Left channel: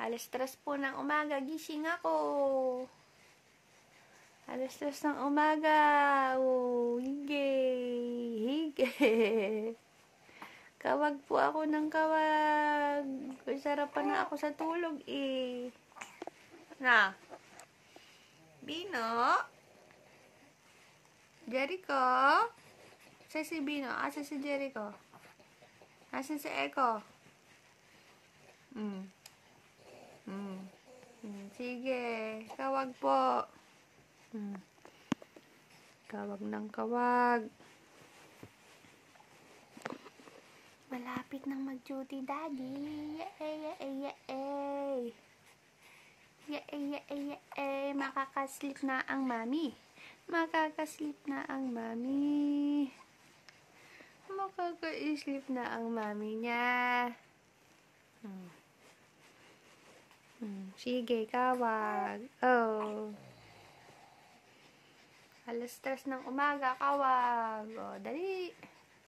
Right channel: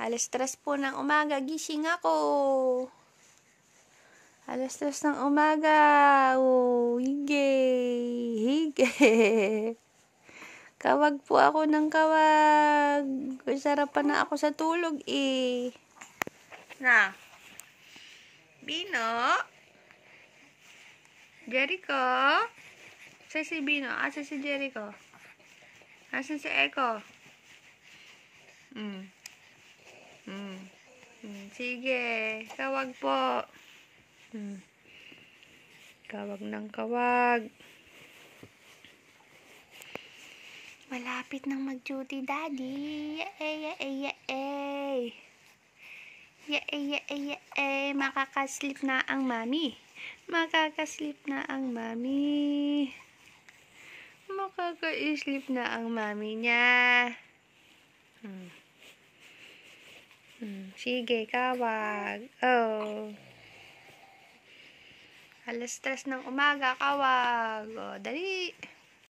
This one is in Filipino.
Alas 3 po ng umaga, gising ako. Alas 3 ng umaga. Oh, hige. Kawag po ako ng kawag. Sarap pa na ako sa tulog eh. Na. Bino? Jericho? Asa si Bino? Asa si Jericho? Asa si Eko? Sige, kawag po. Kawag ng kawag. Malapit nang mag-duty, Daddy. Yay. Makakaslip na ang mami. Makaka-sleep na ang mami niya. Sige, kawag. Oh. Alas 3 ng umaga, kawag. Oh, dali.